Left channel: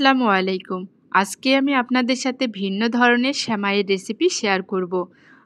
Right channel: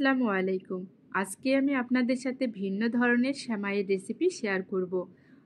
আসসালামু আলাইকুম। আজকে আমি আপনাদের সাথে ভিন্ন ধরনের সেমাইয়ের রেসিপি শেয়ার করব।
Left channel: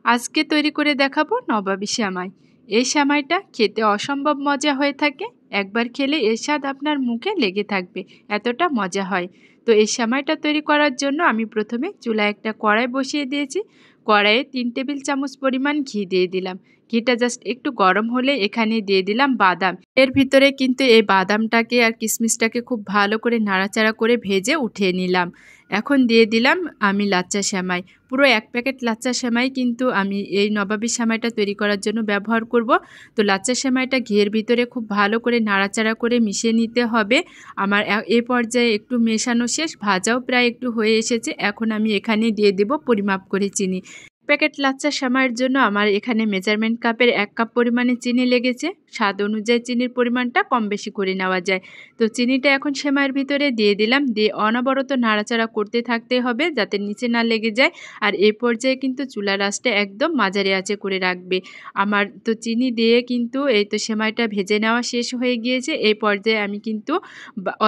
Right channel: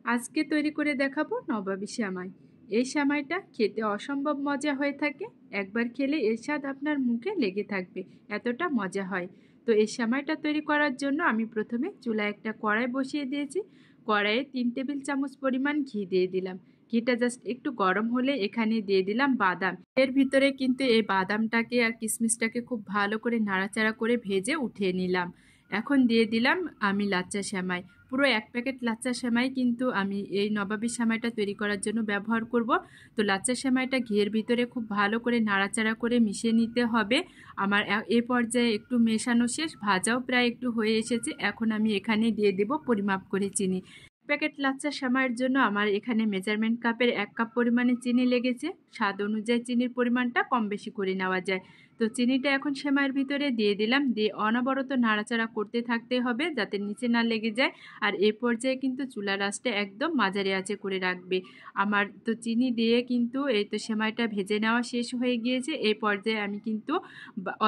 আজকে তৈরি করে দেখাবো নবাবী সেমাই। এই সেমাইটা খেতে অসম্ভব মজা হয়ে থাকে। একবার খেলে এর স্বাদ আপনার মুখে লেগে থাকবে, এতটা মজা হয়। তো এই সেমাইটা তৈরি করার জন্য আমি প্রথমে চুলায় একটা কড়াই বসিয়ে দিয়েছি। কড়াইয়ে 3 টেবিল চামচ পরিমাণ ঘি দিয়ে দিলাম। ঘিটা জাস্ট একটু গরম হলে এখানে দিয়ে দিলাম বাদাম। এর ভিতরে কিন্তু এই বাদামটাকে আর কিশমিশটাকে খুব ভালো করে নাড়াচাড়া করে ভেজে উঠিয়ে নিলাম। এখন দিয়ে দিলাম আমি লাচ্চা সেমাই। পুরো 1 প্যাকেট লাচ্চা সেমাই কিন্তু আমি এই নবাবী সেমাইটা তৈরি করার জন্য ব্যবহার করব। তো লাচ্চা সেমাইটা ঘিয়ের ভিতরে খুব ভালো করে নাড়াচাড়া করে মিশিয়ে নিতে হবে। আমার এই পর্যায়ে একটু মেশানো শেষ, ভাজাও প্রায় একটু হয়ে এসেছে। এখন আমি এখানে দিয়ে দেব পরিমাপ করে চিনি। প্যাকেট লাচ্চা সেমাইয়ের জন্য আমার এখানে মেজারমেন্ট কাপের 1 কাপ পরিমাণে চিনি লেগেছে। স্বাদ অনুযায়ী চিনির পরিমাণটা কম বেশি করে নেওয়া যায়। তো চিনিটা এখন সেমাইয়ের ভিতরে দিয়ে দিলাম। দিয়ে অনবরত নাড়াচাড়া করতে থাকতে হবে যাতে নিচে না লেগে যায়। আর এই পর্যায়ে কিন্তু চুলার আঁচটা একদম মাঝারি আঁচে করে রাখবে। আমার তো চিনি দিয়ে কিন্তু এই তো সেমাইটা ভেজে নেওয়া শেষ হয়ে গিয়েছে। এই পর্যায়ে আমি কিন্তু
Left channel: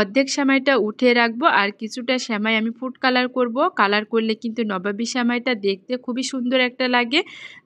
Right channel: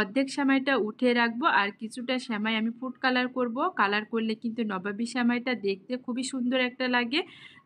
অর্ধেক সেমাইটা উঠিয়ে রাখবো আর কিছুটা সেমাই আমি ফুড কালার করব। কালার করলে কিন্তু নবাবী সেমাইটা দেখতে খুবই সুন্দর একটা লাগে।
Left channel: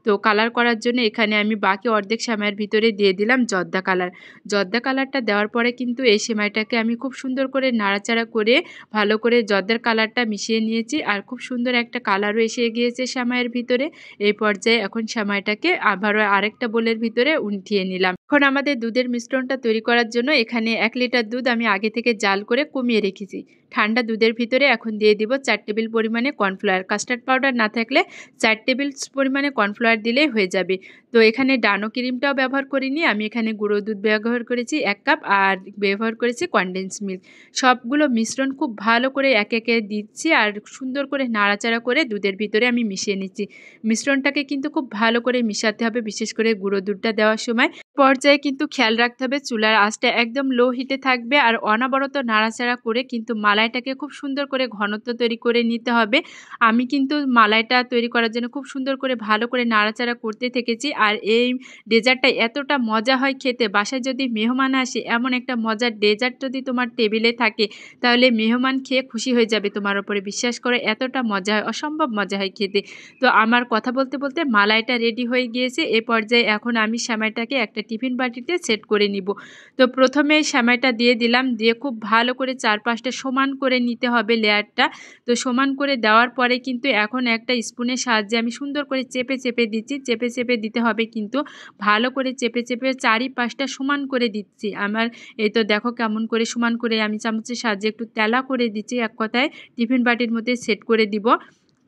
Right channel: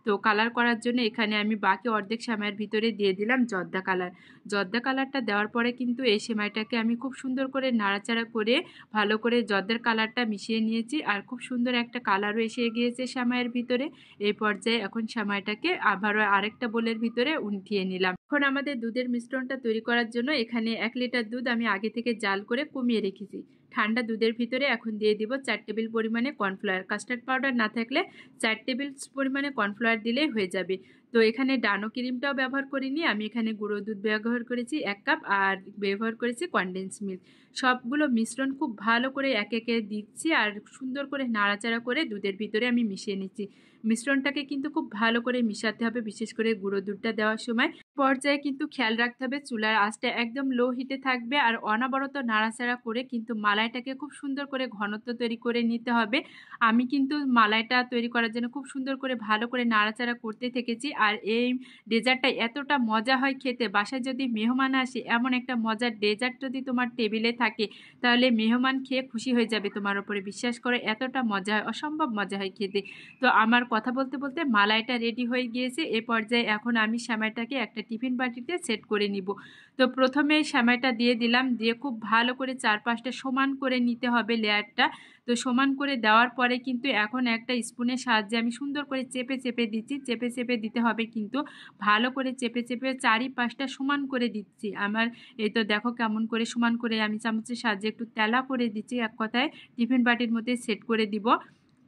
তো কালার করার জন্য এখানে আমি বাকি অর্ধেক সেমাইয়ের ভিতরে দিয়ে দিলাম জর্দা কালার। জর্দা কালারটা দেওয়ার পরে কিন্তু এই সেমাইটাকে আমি খুব সুন্দর করে নাড়াচাড়া করে ভালো করে জর্দার কালারটা মিশিয়ে নিয়েছি আর খুব সুন্দর একটা কালারও এসে গিয়েছে সেমাইয়ের ভিতরে। এই পর্যায়ে এখন সেমাইটাকে আবারও আরেকটা বোলের ভিতরে উঠিয়ে নিলাম। এখন আমাদের দুধের মিশ্রণটা তৈরি করার জন্য এখানে 1 লিটার দুধ আমি আগে থেকে জাল করে কমিয়ে রেখেছি। ঠান্ডা দুধের ভিতরে এখন দিয়ে দিব 4 টেবিল পরিমাণে কর্নফ্লাওয়ার। কাস্টার্ড পাউডার না থাকলে 4 টেবিল পরিমাণে কর্নফ্লাওয়ার দিলেই হয়ে যাবে। তো এখানে ডানো ক্রিমটাও ব্যবহার করিনি, আমি এখানে গুঁড়ো দুধ ব্যবহার করেছি 1 কাপ আর ব্যবহার করেছি কনডেন্স মিল্ক। সবগুলো মিশ্রণ খুব ভালো করে একে একে দিচ্ছি আর সুন্দর করে নাড়াচাড়া করে দুধের ভিতরে আমি মিশিয়ে নিচ্ছি। মিশ্রণটাকে কিন্তু খুব ভালো করে মিশাতে হবে, বিশেষ করে গুঁড়ো দুধটা দেওয়ার সময়। পর্যায়ে কিন্তু খেয়াল রাখতে হবে চুলার আঁচটা একদম লো হিটে থাকবে আর অনবরত নাড়াচাড়া করে কিন্তু মালাইটাকে খুব সুন্দর করে ঘনত্ব তৈরি করে নিতে হবে। আমি কিন্তু মালাইটা তৈরি করার জন্য খুব সুন্দর করে ভালো করে নাড়াচাড়া করতে থেকেছি। আর এই ডেজার্টটা এতটা মজা হয় খেতে, বাসায় যদি মেহমান আসে এমন একটা মজার ডেজার্ট যদি তোমার টেবিলে থাকে তাহলে মেহমান খেয়ে খুশি হয়ে যাবে তোমার উপরে। বিশ্বাস করে এতটা মজা হয়, অসম্ভব মজা হয় খেতে। তো আমার কথা বলতে বলতে মালাইটা রেডি হয়ে গিয়েছে। এ পর্যায়ে এখন আমি সেমাইটাকে একটা টিফিন বাটিতে সেট করে নিব। তো প্রথমে সেমাইটা দিয়ে দিলাম, দিয়ে খুব ভালো করে চারপাশটা সমান করে নিতে হবে লেয়ারটা। তো সমান করে দেওয়ার পরে কিন্তু এখন একটা স্পুনের সাহায্যে আমি সুন্দর করে চেপে চেপে দিচ্ছি। চেপে চেপে দিতে হবে কিন্তু ভালো করে চেপে চেপে চারিপাশটা সমান করে দিচ্ছি। আমার এই তো দেখো কেমন করে সমান করে আমি চামচের সাহায্যে একটু তেলা করে দিচ্ছি। এক কথায় টিফিন বাটির মধ্যে সেট করে দিব।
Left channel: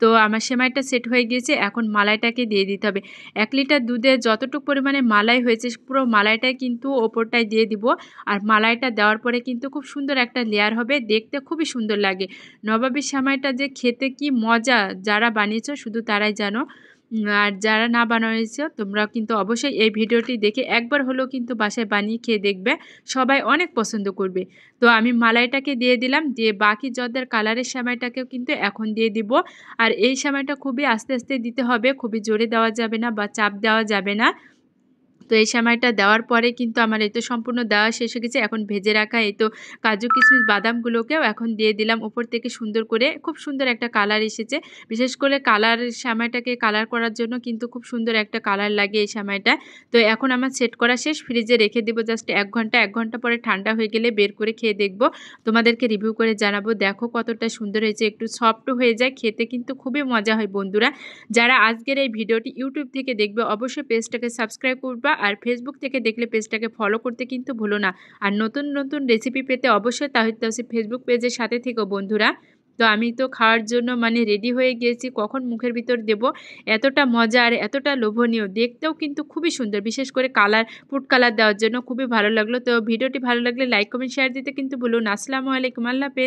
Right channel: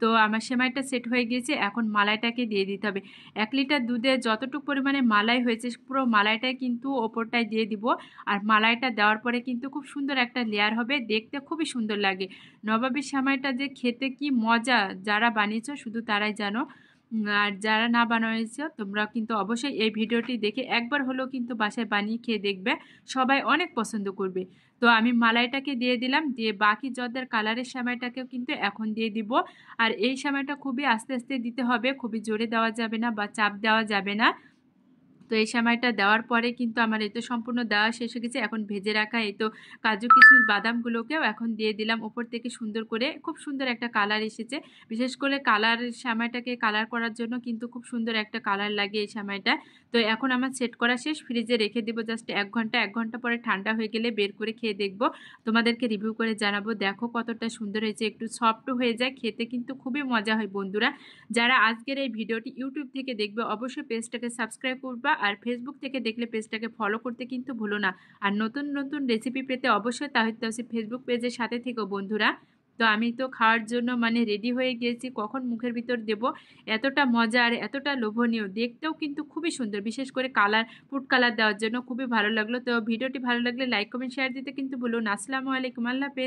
তো আমার সেমাইটা সেট হয়ে গিয়েছে, এখন মালাইটাকে দিয়ে দিতে হবে। 1 লিটার দুধে যতটুকু পরিমাণে মালাই হয়েছে পুরো মালাইটাই কিন্তু ওপরটায় দিয়ে দিব। আর মালাইটা দেওয়ার পরে কিন্তু খুব সুন্দর একটা লেয়ার হবে, দেখতে খুবই সুন্দর লাগে। নবাবী সেমাইটা যে খেতে কি মজা, যারা বানিয়েছো শুধু তারাই জানো। আর যারা না বানিয়েছো তোমরা কিন্তু অবশ্যই এই ভিডিওটি দেখে একবার হলেও কিন্তু বাসায় বানিয়ে খেয়ে দেখবে, সবাই অনেক পছন্দ করবে। তো আমি মালাইটাকে দিয়ে দিলাম, দিয়ে বাকি জর্দার কালারের সেমাইটাকেও কিন্তু এখন দিয়ে দিব। আর এই সেমাইটা খুবই আস্তে আস্তে দিতে হবে, খুবই জোরে দেওয়া যাবে না বা চাপ দেওয়া যাবে না। তো এই সেমাইটা দেওয়ার পরে কিন্তু আমার এই তো সম্পূর্ণ দেওয়া শেষ হয়ে গেছে। এখন ভেজে রাখা এই তো কাজু কিশমিশ বাদামগুলোকেও এখন দিয়ে দিলাম উপর থেকে সুন্দর করে। খুব সুন্দর একটা কালার এসেছে। বিশেষ করে কালার সেমাইটাকে কালার করার জন্য কিন্তু খুব সুন্দর একটা কালার লাগে এই সেমাইটা। তো এখন আমার সেট করা শেষ, ফ্রিজে রেখে দেবো জাস্ট 1 ঘন্টা। 1 ঘন্টা পরে ঠান্ডা হয়ে গেলে বের করে খেয়ে দেখবো, তোমাদেরকে রিভিউ করে জানাবো। দেখো কতটা সুন্দর হয়েছে, একটু সফটও হয়ে যায়, খেতে কিন্তু খুবই মজা হয়। বন্ধুরা যারা আজকের এই ভিডিওটি ইউটিউব থেকে দেখবে অবশ্যই পেজটাকে সাবস্ক্রাইব করবা আর ফেসবুক থেকে দেখলে পেজটাকে ফলো করতে কিন্তু ভুলো না। আর নতুন নতুন রেসিপি পেতে অবশ্যই তাহিদ তাওসিফ ফেসবুক পেজের সাথে থেকো বন্ধুরা। তো আমি তো খাওয়ার জন্য মানে রেডি হয়ে গিয়েছি, কখন মুখের ভিতর দেব। এতটা মজা আর এতটা লোভনীয়, দেখতেও কিন্তু খুবই সুন্দর। বিশেষ করে কালার, ফুড কালার দেওয়ার জন্য খুবই ভালো লাগলো। তো ভিডিওটি ভালো লাগলে লাইক কমেন্ট শেয়ার দিতে কিন্তু ভুলো না। আসসালামু আলাইকুম, আল্লাহ হাফেজ।